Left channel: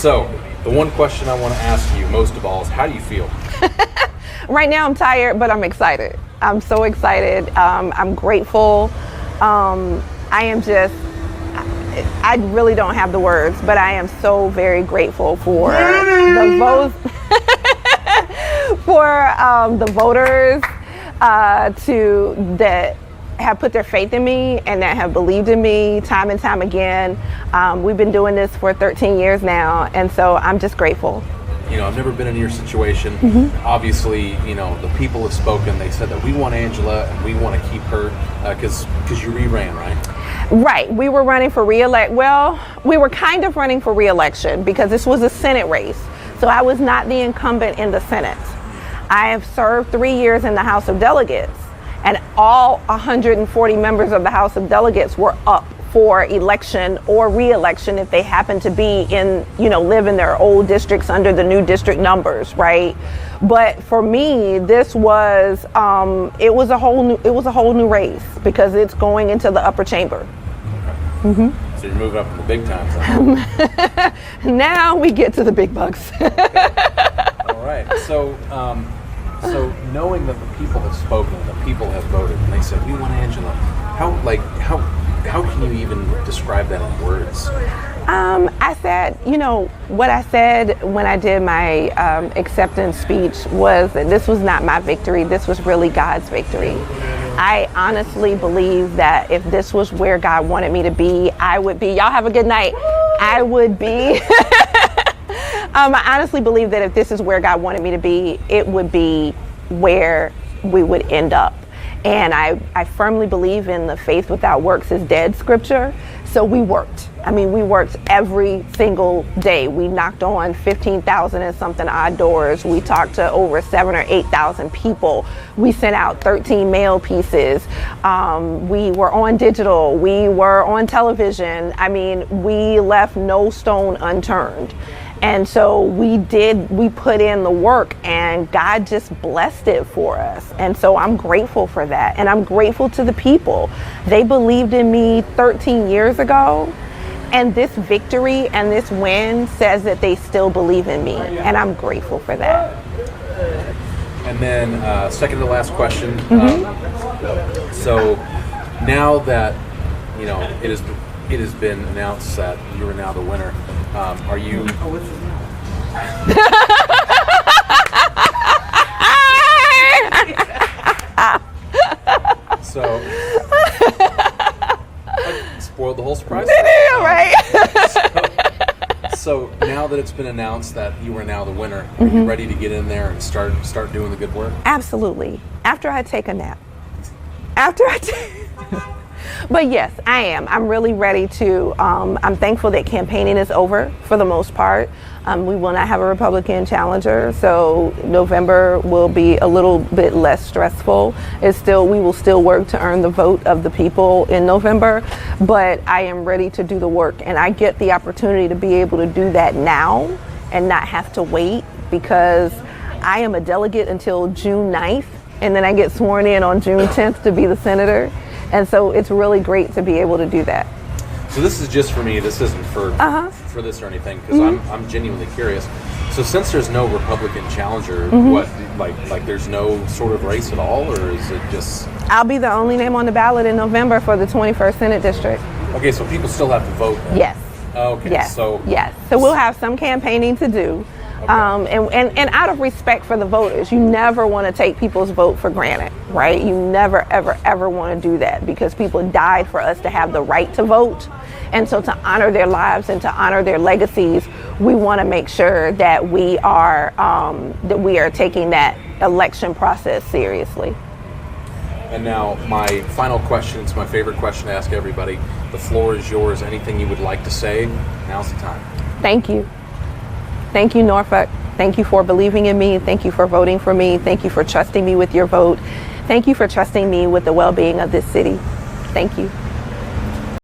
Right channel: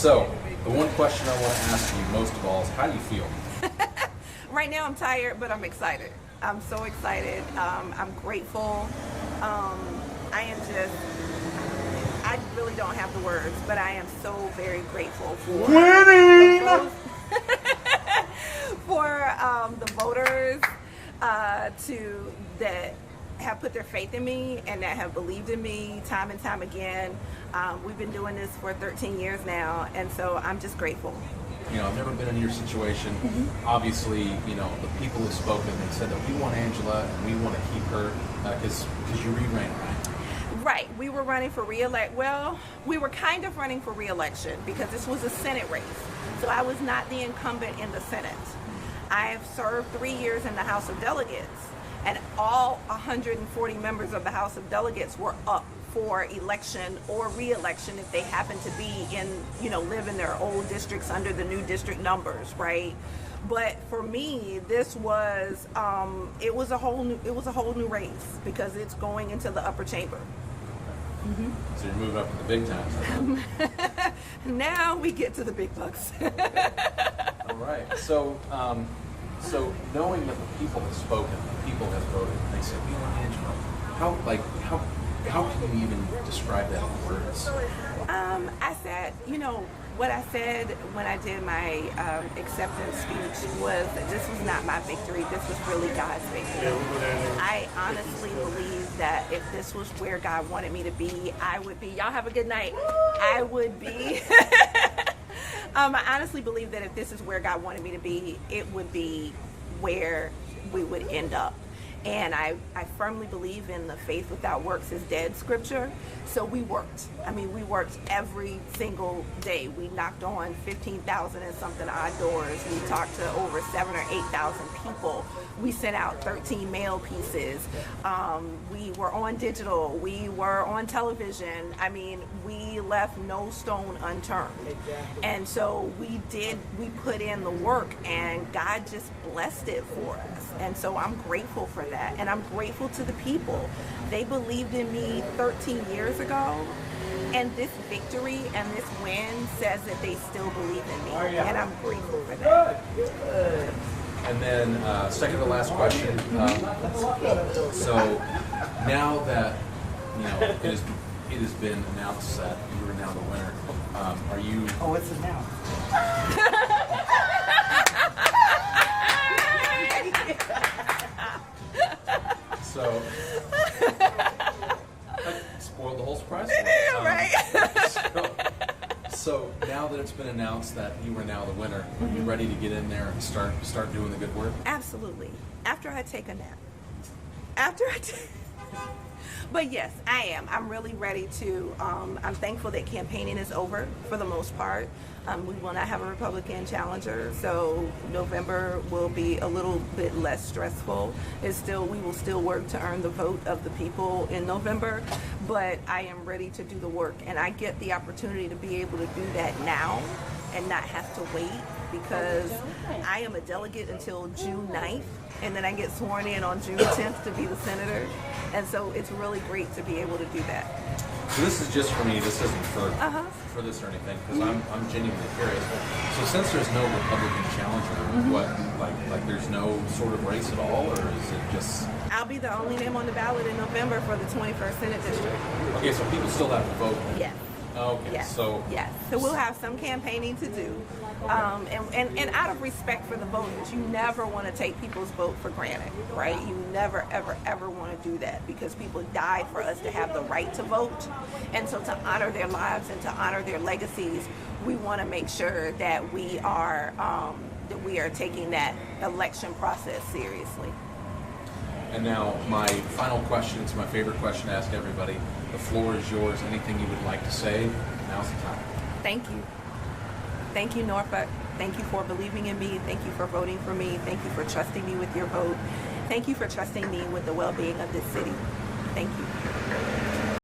So, the one question I want to ask you most of all is, how do you feel? Right now I'm tired, but I'm excited. I'm so excited. I'm grateful. I really don't have the words, but I am so very grateful for the votes, for the voters that have put their faith in me and that have believed in me time and time again. We've been doing this for 13 years now, and so I'm just grateful. You know, I've never been in your situation. Obviously, you know, the people have spoken. They said that we want Angela and we want to keep her because you re-ran, right? Right. We were running for re-elect. Well, we were kind of running for re-election because this was a Senate race. So I was not the incumbent in the Senate. I have served 3 years in the House of Delegates, and all 140 members of the House of Delegates were up for election or re-election if they happen to be in, live in their old districts under the new district numbers, right? But for me, this was it was a whole new race because it's going into the upper chamber. Okay. So you're moving up in the big times. Right? Now we get to the big bucks. All right. So knowing that the people have spoken, the people have voted, and they said we want Angela, how can you even describe that in words? I said, what I said when I did my acceptance speech was that this was not my victory. This was really God's victory. I honestly believe that if this was where God wanted me to be, I would be. Y'all have a good night. I would be. I honestly believe that if this is where God wanted me to be, it would be where we would end up. And I firmly believe in the faith without works is dead scripture. So we worked. We worked every single day. We knocked on 15,000 and something odd doors. We talked to over 7,000 or 8,000 people. We sent out 13 mail pieces. We were on digital. We were on television. We left no stone unturned. And so we put in the work, and God just blessed it for us. And so I'm grateful for that. And I'm grateful to the people. They believed in me 13 years ago. And this victory and this win says that they still believe in me. And I'm grateful for that. And then second to last question. So now that, it has been announced that you are now the winner. Are you? Oh, what's it now? So, I spoiled the whole surprise. Right. So now that it's been announced that you are now the winner, are you ready to get in there and start doing the good work? Absolutely. After I take a nap. But yes, I am. I'm really ready to. I'm thankful that campaigning is over for the most part. We will not have a Republican challenger, so November will be a little bit less stressful. We will still work to earn the vote of the people in November, but I am ready to do the work, and I get the opportunity to be able to do that now and not have to wait, because I am a delegate until June 9th, and then I get sworn in on June 10th to be the senator. And so it's really great to be able to do that. So this is just for me. This isn't for this or anything, because I'm genuinely curious. So since there's no Republican challenger, what there's no sort of race at all, or is it just? I'll be the only name on the ballot in November for the 21st Senate District. Okay, so people still have to vote then? Yes. Okay. Yes. So we'll have some campaigning to do. And out of respect for the voters, you never want to take people's vote for granted, right? You never, ever, ever want to do that, because people died for us to have the right to vote. And so to honor their lives and to honor their legacies, we want to make sure that we are taking that election process seriously. And now my final question, it's my favorite question to ask everybody. The floor is yours. Anything you would like to say, now's the time. Thank you. Thank you, Norfolk. Thank you for believing in me. Thank you for voting for me. Thank you for trusting me with your vote. Thank you for trusting me with the well-being of this city. Thank you.